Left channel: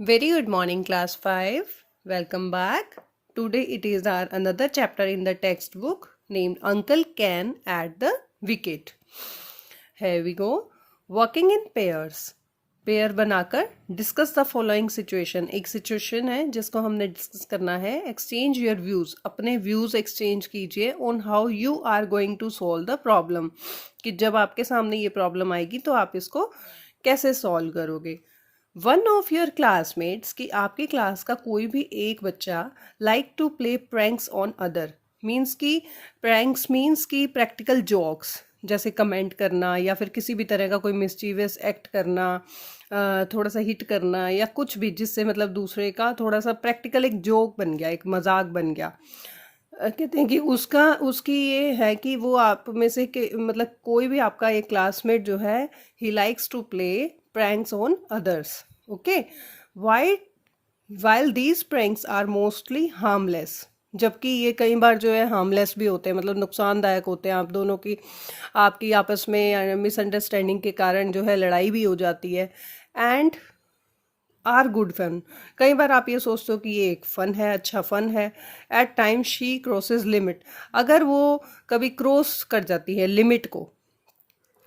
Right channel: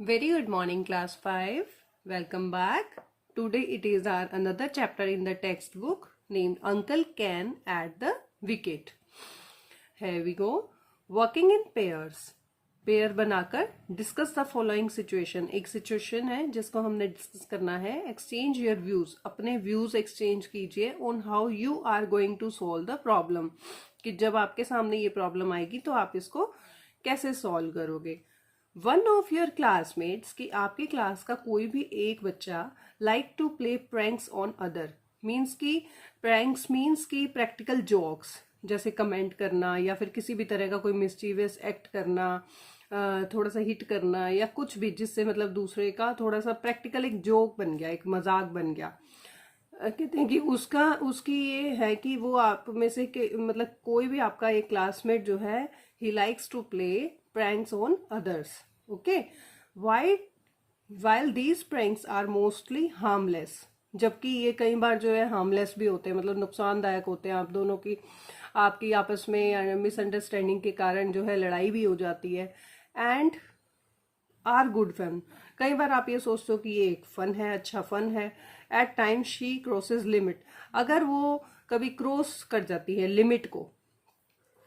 Very good morning, class 5. Welcome back. Today it is our another chapter in the textbook named Uncle Ken at the Wicket. Here we go. Walking in pairs. Pair बनाकर discuss the following situation. एक situation है जिसको हमने discuss करना है। Exchange your views, अपने views exchange कीजिए on how you are going to solve the problem, कि जब आपके सामने ये प्रॉब्लम आएगी तो आप इसको कैसे सॉल्व करोगे। वन ऑफ योर क्लासमेट्स, कि आपकी क्लास का कोई भी एक बच्चा like to play pranks on other, means की प्रैंक्स मीन्स की प्रैक्टिकल जोक्स, जैसे कमेंट करना या फिर किसी भी तरह का कोई मिस्चीवियस एक्ट करना, थोड़ा सा हिट करना या कुछ भी जिससे मतलब दूसरे का थोड़ा सा प्रैक्टिकल एक जोक बन गया, एक मजाक बन गया। कहते हैं कि उसकी ये है कि वो आप में से मतलब कोई भी आपका एक क्लासमेट जो है, he likes to play pranks on others. Okay, why while these pranks are mostly harmless, जबकि ये कई बार जो है हार्मलेस भी होते हैं, मतलब नुकसानदायक होते हैं। आप दोनों की आपकी आपस में मिसअंडरस्टैंडिंग के कारण जो है लड़ाई भी हो जाती है। एंड आर गुड फन, कई बार आप ये सोचते हो कि ये एक फ़न है, अच्छा फ़न है। At time she crosses limit, अगर वो कभी क्रॉस कर जाती है लिमिट को,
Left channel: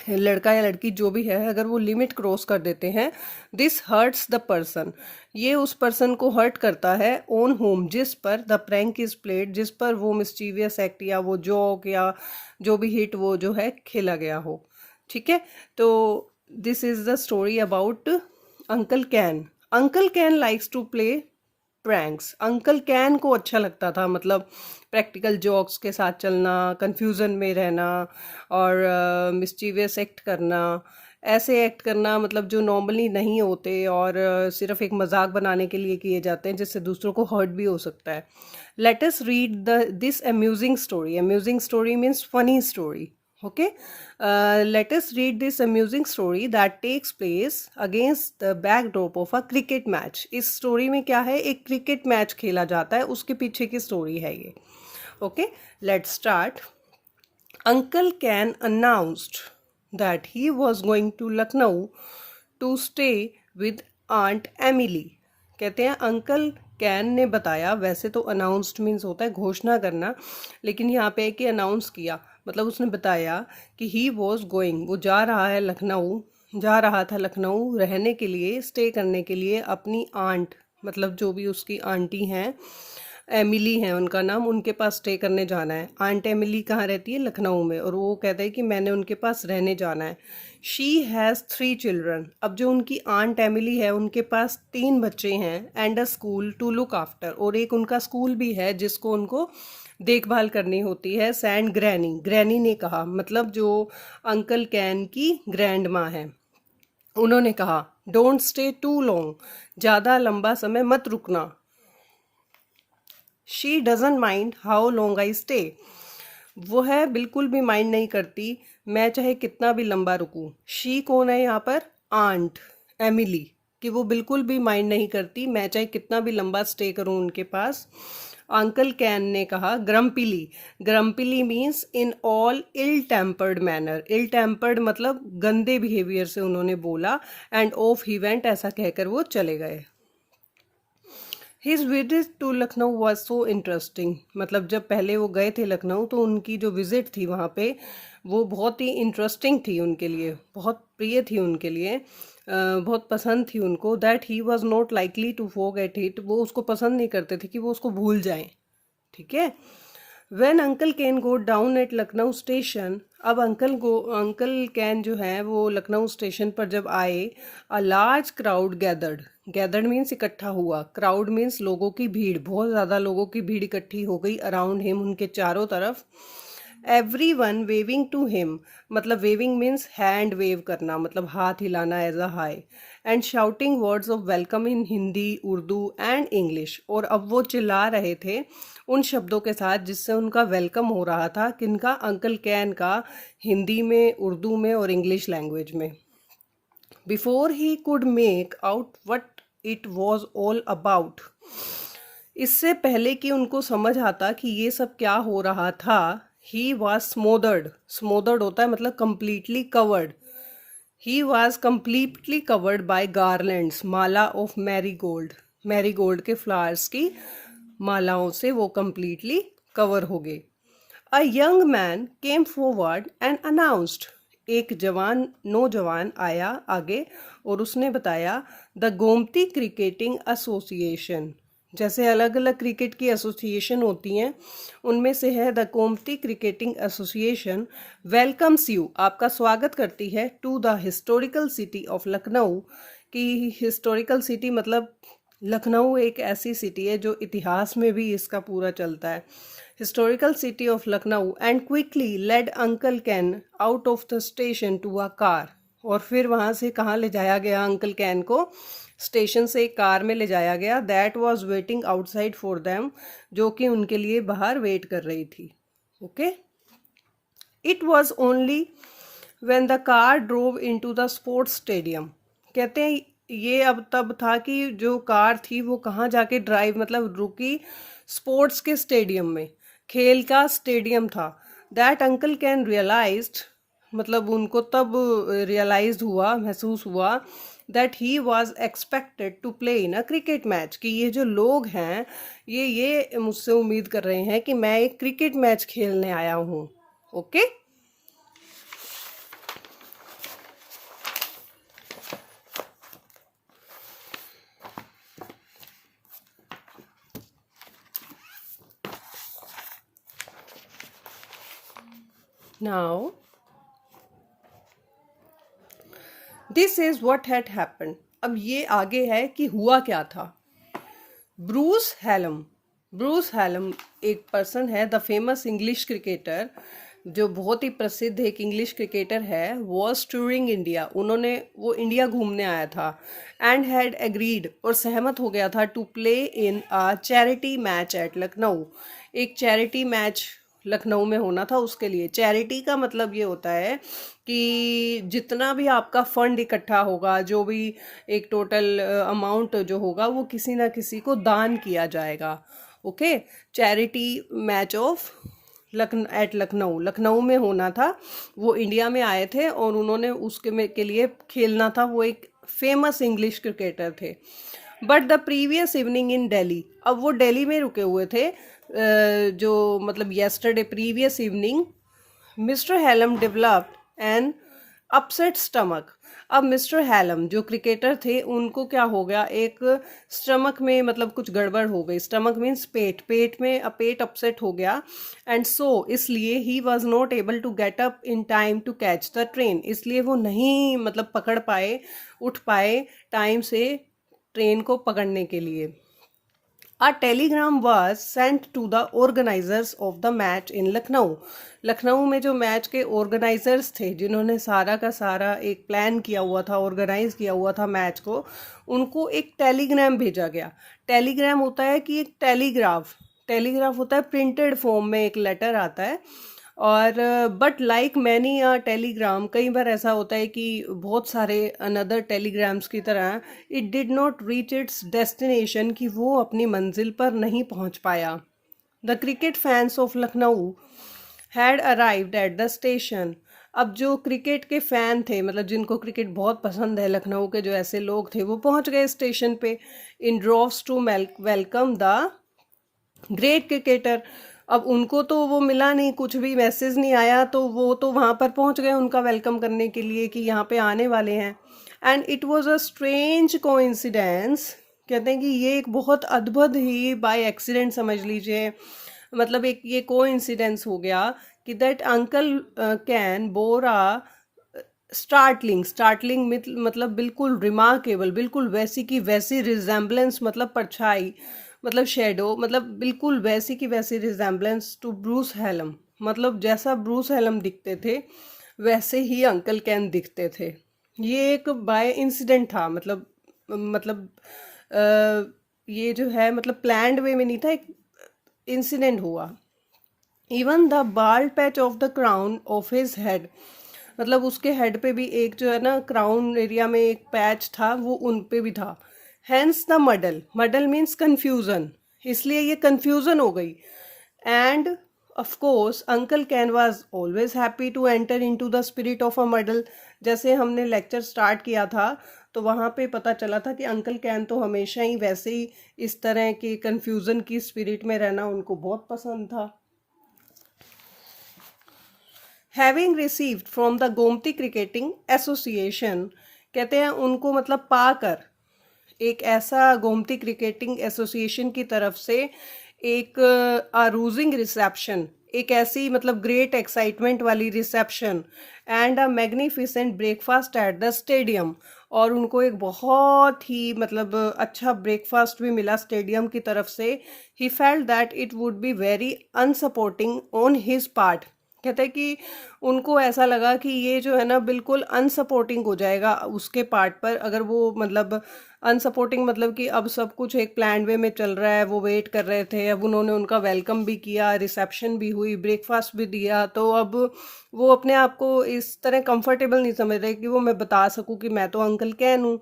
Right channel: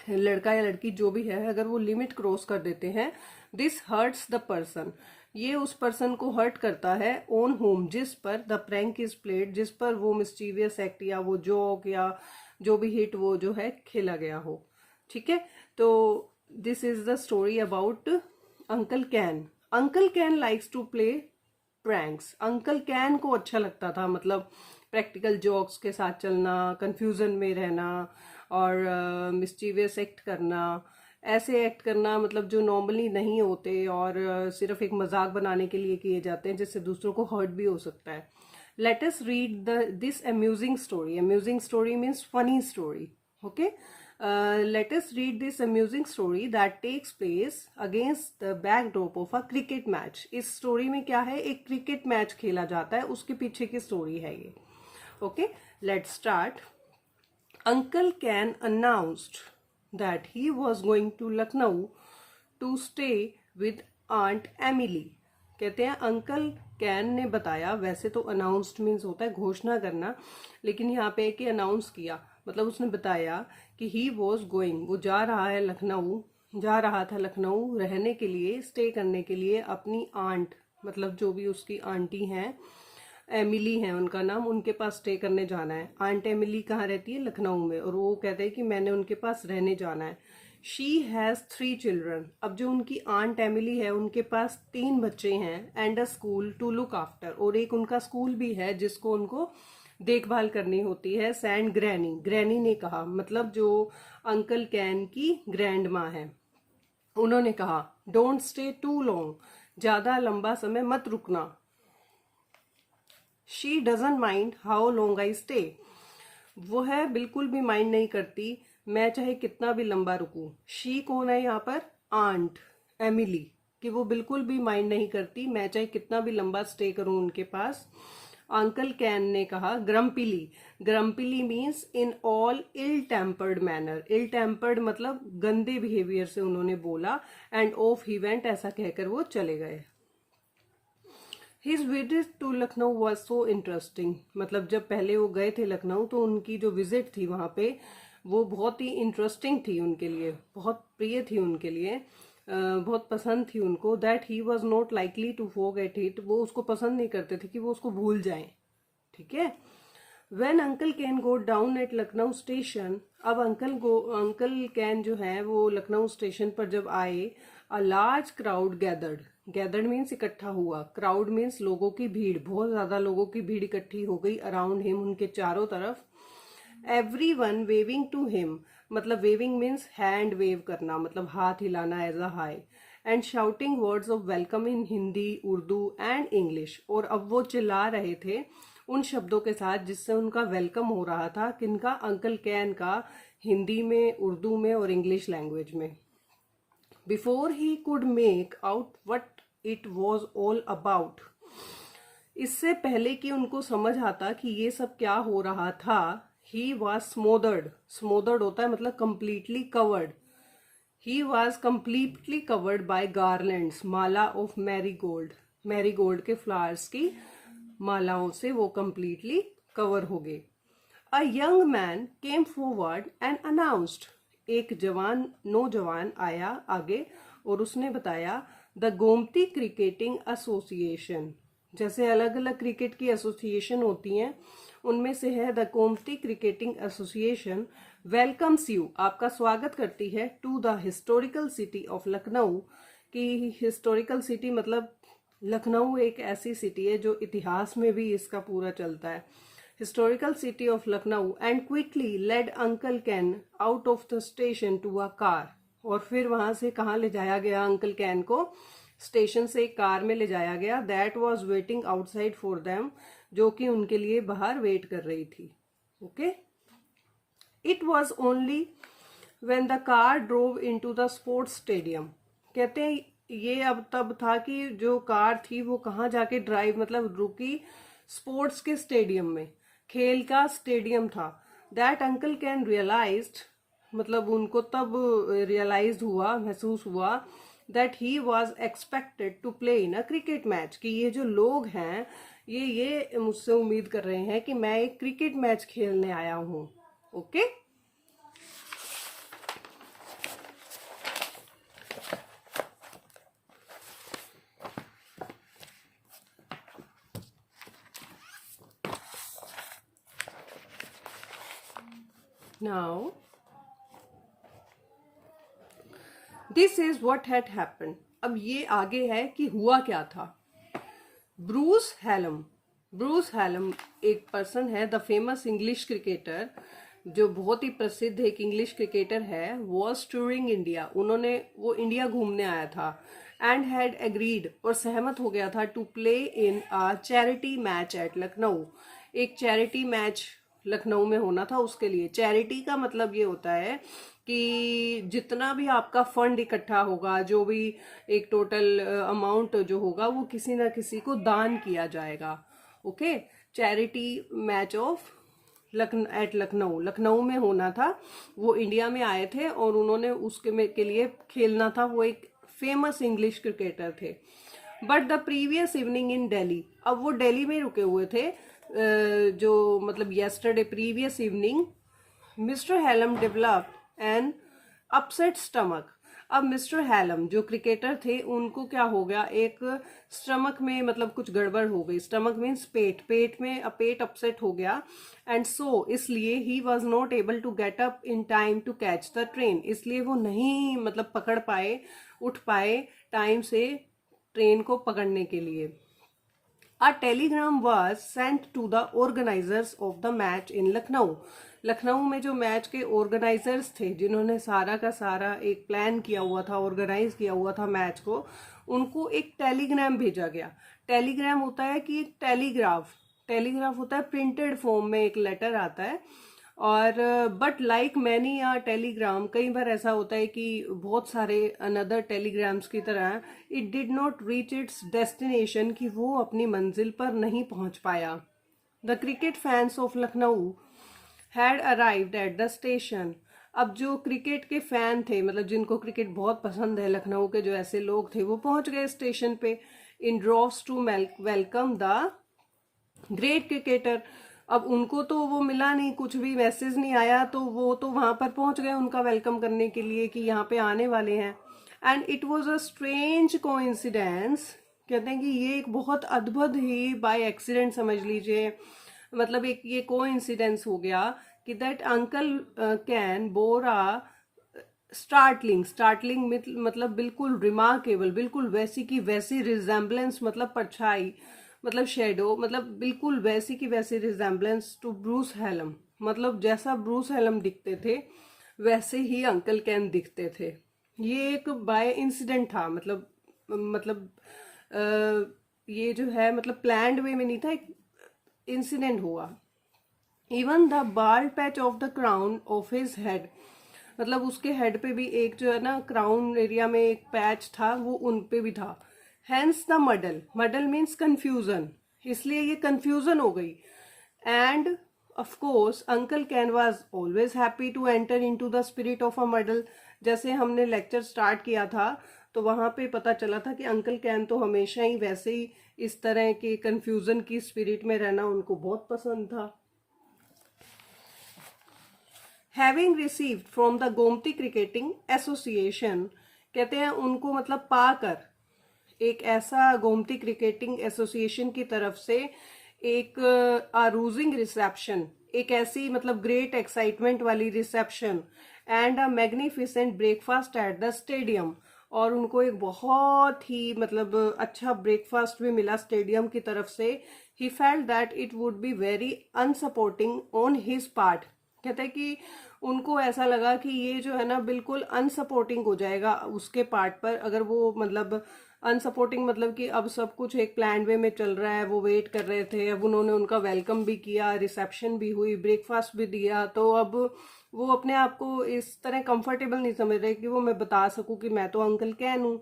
लड़का या लड़की जो भी है, अगर वो लिमिट क्रॉस कर देते हैं, दिस हर्ट्स द पर्सन, ये उस पर्सन को हर्ट करता है, ऑन होम, जिस पर द प्रैंक इज प्लेड, जिस पर वो मिस्चीवियस एक्ट या वो जोक या जो भी हिट वो जो है खेला गया हो। ठीक है, तो this is the story about uncle Ken. Uncle Ken likes to play pranks, uncle Ken को अच्छा लगता था, मतलब प्रैक्टिकल जोक्स के साथ चलना, कंफ्यूजन में रहना और मिस्चीवियस एक्ट करना, ऐसे एक्ट करना मतलब जो नॉर्मली नहीं होते और सिर्फ एक मजाक बनाने के लिए किए जाते हैं, जिससे दूसरों को हर्ट भी हो सकता है। Let us read this amusing story. Amusing story means funny story. Okay, let us read this amusing story that takes place against the backdrop of a cricket match. इस स्टोरी में क्या है, एक क्रिकेट मैच खेला जाता है, उसके पीछे की स्टोरी है ये। Okay, let's start. Uncle Ken announced that he was going to Lucknow to stay with Aunt Emily. कहते हैं अंकल कैन ने बताया, वैसे तो अनाउंस्ड मीन्स होता है घोषणा करना, लेकिन यहाँ पे है कि अनाउंस किया, मतलब उसने बताया कि ही वॉज गोइंग, वो जा रहा है लखनऊ, जा रहा था लखनऊ रहने के लिए, स्टे करने के लिए अपनी आंट, मतलब जो भी उसकी आंटी हैं, एमिली हैं उनका नाम, उनके पास स्टे करने जाना है। आंट एमिली कहाँ रहती है, लखनऊ में, और वो कहते हैं कि मैंने उनके पास रहने जाना है। शी हैज़ 3 चिल्ड्रन, अब जो उनकी आंट एमिली है उनके पास 3 बच्चे हैं, and a school to look after, और एक उनका स्कूल भी है जिसको उनको देखभाल करनी होती है। सैंड ग्रैनी, ग्रैनी ने कहा, मतलब जो अंकल कैन की ग्रैंड माँ है, उन्होंने कहा डोंट स्टे टू लॉन्ग, ज़्यादा लंबा समय मत रुकना। She doesn't mind how long I stay, वो है बिल्कुल भी माइंड नहीं करती मैं चाहे कितना भी लंबा रुकूं। शी कौन है यहाँ पर, आंट एमिली, कि वो बिल्कुल भी माइंड नहीं करती मैं चाहे कितना भी लंबा स्टे करूं उनके पास। अंकल कैन ने कहा grumpily, grumpily means in all ill tempered manner, ill tempered मतलब गंदे बिहेवियर से उन्होंने बोला। एंड ऑफ ही वेंट, ऐसा कहकर वो चले गए। His visit to Lucknow was so interesting, मतलब जब पहले वो गए थे लखनऊ तो उनकी जो विजिट थी वहाँ पे वो बहुत ही इंटरेस्टिंग थी उनके लिए, बहुत प्रिय थी उनके लिए, बहुत पसंद थी उनको। That he was not likely to forget it, वो उसको पसंद नहीं करते थे कि वो उसको भूल जाएं। ठीक है, when uncle Ken go down at Lucknow station, अब अंकल कैन जो है वो लखनऊ स्टेशन पर जब आए, a large crowd gathered, gathered means इकट्ठा हुआ, क्राउड मीन्स लोगों की भीड़, बहुत ज़्यादा लोगों की भीड़ इकट्ठी हो गई अराउंड हिम, उनके चारों तरफ। Everyone waving to him, मतलब वेविंग मीन्स हैंड वेव करना, मतलब हाथ हिलाना as a high, and shouting words of welcome in Hindi, Urdu and English, और अब वो चिल्ला रहे थे उन शब्दों के साथ जिससे उनका वेलकम हो रहा था, किनका, अंकल कैन का, हिंदी में, उर्दू में और इंग्लिश लैंग्वेज में। Before he could make out what it was all about, इससे पहले कि उनको समझ आता कि ये सब क्या हो रहा था, ही वॉज स्मोदर्ड, स्मोदर्ड होता है मतलब completely covered, he was completely covered by garlands, Mala of marigold, marigold के फ्लावर्स की मालाओं से वो कम्प्लीटली कवर हो गए। A young man came forward and announced, एक नौजवान आया आगे और उसने बताया, द गोमती क्रिकेटिंग एसोसिएशन, जैसे अलग अलग क्रिकेट की एसोसिएशन होती हैं उनमें से है the Gomti cricketing association, welcomes you, आपका स्वागत करती है, to the historical city of Lucknow, की हिस्टोरिकल सिटी मतलब लखनऊ एक ऐसी सिटी है जो इतिहास में भी इसका पूरा चलता है, historical city of Lucknow, and quickly led uncle Ken out of the station to a car, और फिर वहाँ से कहाँ ले जाया गया अंकल कैन को, स्टेशन से एक कार में ले जाया गया, that was waiting outside for them, जो कि उनके लिए बाहर वेट कर रही थी। Okay, it was only when the car drove into the sports stadium, कहते हैं ये अब तब था कि जो कार थी वो कहाँ जाके ड्राइव मतलब रुकी, स्पोर्ट्स के स्टेडियम में, खेल का स्टेडियम था, दैट अंकल कैन रियलाइज्ड, मतलब उनको तब रियलाइज हुआ, महसूस हुआ, that he was expected to play in a cricket match, कि ये जो लोग हैं ये मुझसे उम्मीद कर रहे हैं कि मैं एक क्रिकेट मैच खेलने आया हूँ। Okay, now this is what had happened, अब ये आगे है कि हुआ क्या था। ब्रूस हैलम एक पर्सन है, द फेमस इंग्लिश क्रिकेटर, जो बहुत ही प्रसिद्ध एक इंग्लिश क्रिकेटर है, वॉज टूरिंग इंडिया, वो इंडिया घूमने आया था, एंड हैड एग्रीड, और सहमत हो गया था, to play in a charity match at Lucknow, एक चैरिटी मैच लखनऊ में होना था उसके लिए। चैरिटी का मतलब ये होता है कि जितना भी आपका फंड इकट्ठा होगा, जो भी एक टोटल अमाउंट जो होगा वो किसी ना किसी को दान किया जाएगा। Okay, charity match of Lucknow में होना था, वो इंडिया में आए थे और उन्होंने के लिए खेलना था, वो एक फेमस इंग्लिश क्रिकेटर थे। But the previous evening in Delhi, अब वो दिल्ली में रुके हुए थे, जो मतलब yesterday previous evening, mister Hallam developed an upset stomach, अब मिस्टर हैलम जो क्रिकेटर थे उनको क्या हो गया, एक स्टमक में मतलब कुछ गड़बड़ हो गई, स्टमक मीन्स पेट में पेट अपसेट हो गया, एंड सो इसलिए he was not able to get up in time to catch the train, इसलिए वो नहीं मतलब पकड़ पाए, उठ पाए टाइम से ट्रेन को पकड़ने के लिए। A telegram was sent to the organizers of the match in Lucknow, Lucknow में जो मैच के ऑर्गेनाइजर्स थे, जिन्होंने सारा का सारा एक प्लान किया हुआ था, ऑर्गेनाइज किया हुआ था मैच को, उनको एक टेलीग्राम भेजा गया। टेलीग्राम होता है कि एक टेलीग्राफ होता है प्रिंटेड फॉर्म में, एक लेटर आता है, और बट लाइक मैनी टेलीग्राम, कई बार ऐसा होता है कि बहुत सारे अनदर टेलीग्राम्स की तरह it did not reach its destination, कि वो अपनी मंजिल पर नहीं पहुंच पाया। The cricket fans of Lucknow had arrived at the station, अब जो क्रिकेट के फ़ैन थे, मतलब जिनको क्रिकेट बहुत पसंद है, लखनऊ के जो ऐसे लोग थे, वो पहुंच गए स्टेशन पे, in droves to welcome the great cricketer. अब उनको तो वो मिला नहीं, कुछ भी मैसेज नहीं आया, तो वो तो वहाँ पर पहुँच गए उनका वेलकम करने के लिए कि यहाँ पे आने वाले हैं। And it was a strange coincidence, कहते हैं कि ये एक बहुत अद्भुत ही बाय एक्सीडेंट समझ लीजिए, मतलब एक ये कोइंसिडेंस हो गया कि that uncle can Bora startling मतलब बिल्कुल रिमार्केबल, बिल्कुल वैसी की वैसी रिजेम्बलेंस, मतलब परछाई, मतलब शेडो, मतलब बिल्कुल वैसी की वैसी रिजेम्बलेंस टू ब्रूस हैलम, मतलब जैसा ब्रूस हैलम दिखते थे वैसे ही अंकल कैन दिखते थे। ये एक बाय इंसिडेंट था, मतलब ये जो है मतलब प्लान्ड वे में नहीं था, एक इंसिडेंट हुआ। Even the bald patch of the crown of his head, मतलब उसके हेड पे भी एक जो है ना क्राउन एरिया में एक पैच था, वो उन पे भी था। Hence the muddle means confusion, इसलिए ये कन्फ्यूजन हो गई। And of course uncle Ken was always happy to enter into the spirit of a muddle, जैसे हमने लेक्चर स्टार्ट किया था तो वहाँ पे पता चला था कि अंकल कैन तो हमेशा ही वैसे ही इस तरह के कंफ्यूजन की स्पिरिट में रहना उनको बहुत पसंद था। Having received from the Gomti cricketing association, कहते हैं उनको मतलब पाकर, एक ऐसा गोमती क्रिकेटिंग एसोसिएशन की तरफ से एक अरूजिंग रिसेप्शन, एक ऐसी मतलब ग्रेट एक्साइटमेंट वाली reception and a magnificent breakfast at the stadium, और उनको एक बहुत ही मतलब अच्छा ब्रेकफास्ट भी मिला स्टेडियम की तरफ से। He felt that it would be very unsupporting on his part, कहते हैं कि उनको ऐसा लगा कि ये जो है ना बिल्कुल अनसपोर्टिंग हो जाएगा उसके पार्ट पर, अगर वो मतलब अनसपोर्टिंग मतलब कि अब सब कुछ एक प्लान वे में चल रहा है, वो वेट कर रहे थे, अब उन्होंने उनका वेलकम भी किया, रिसेप्शन भी हुई, ब्रेकफास्ट भी दिया, तो अब वो अपने आप को इस तरह कंफर्टेबल नहीं समझ रहे कि वो मैं बता सकूं कि मैं तो अंकल कैन हूँ।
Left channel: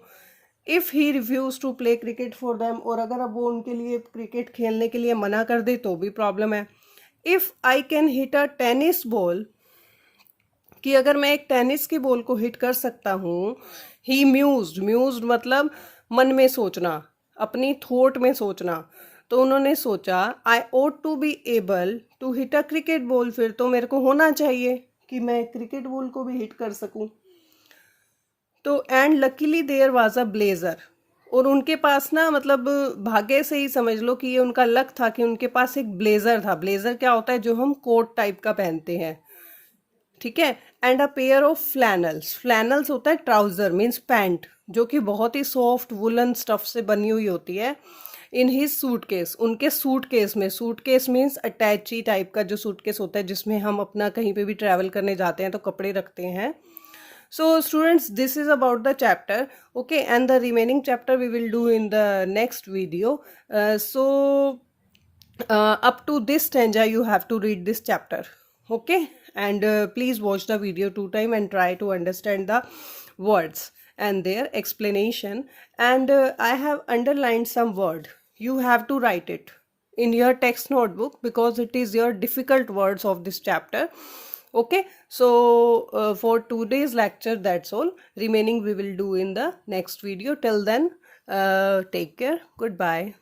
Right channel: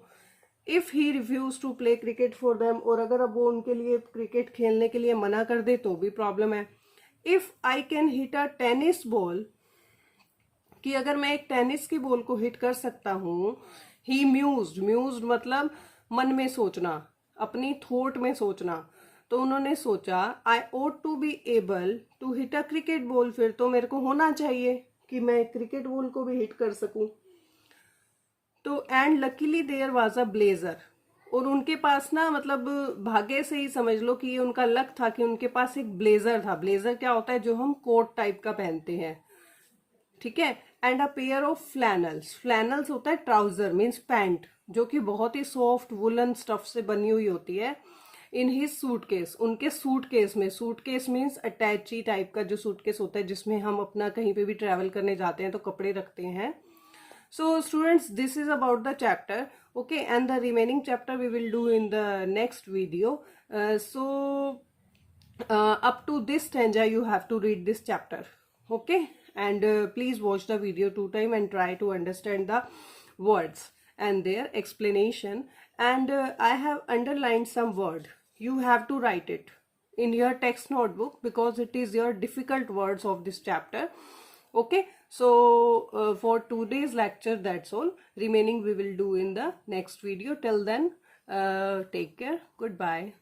If he refuse to play cricket for them, और अगर अब वो उनके लिए क्रिकेट खेलने के लिए मना कर दे तो भी प्रॉब्लम है। If I can hit a tennis ball, कि अगर मैं एक टेनिस की बॉल को हिट कर सकता हूँ। ही म्यूज्ड मतलब मन में सोचना, अपनी थॉट में सोचना, तो उन्होंने सोचा I ought to be able to hit a cricket ball, फिर तो मेरे को होना चाहिए कि मैं क्रिकेट बॉल को भी हिट कर सकूं। तो and luckily there was a blazer, और उनके पास ना मतलब भाग्य से ही समझ लो कि ये उनका लक था कि उनके पास एक ब्लेजर था। ब्लेजर क्या होता है, जो हम कोट टाइप का पहनते हैं, ठीक है। And a pair of flannels, flannels होता है ट्राउजर मीन्स पैंट, जो कि बहुत ही सॉफ्ट वुलन स्टफ से बनी हुई होती है। इन हिज सूटकेस, उनके सूटकेस में, सूटकेस मीन्स अटैची टाइप का जो सूटकेस होता है जिसमें हम अपना कहीं पे भी ट्रैवल करने जाते हैं तो कपड़े रखते हैं। So students, this is about the chapter, okay, and the remaining chapter we will do in the next video. Up to this stanza you have to read this chapter, okay, and please watch the video 2 times and try to understand the words and their explanation. And I have underlined some word, you have to write it in your text notebook because it is your difficult words of this chapter. Okay, so for today's lecture that's all, remaining we will do in the next video. Till then, take care, goodbye.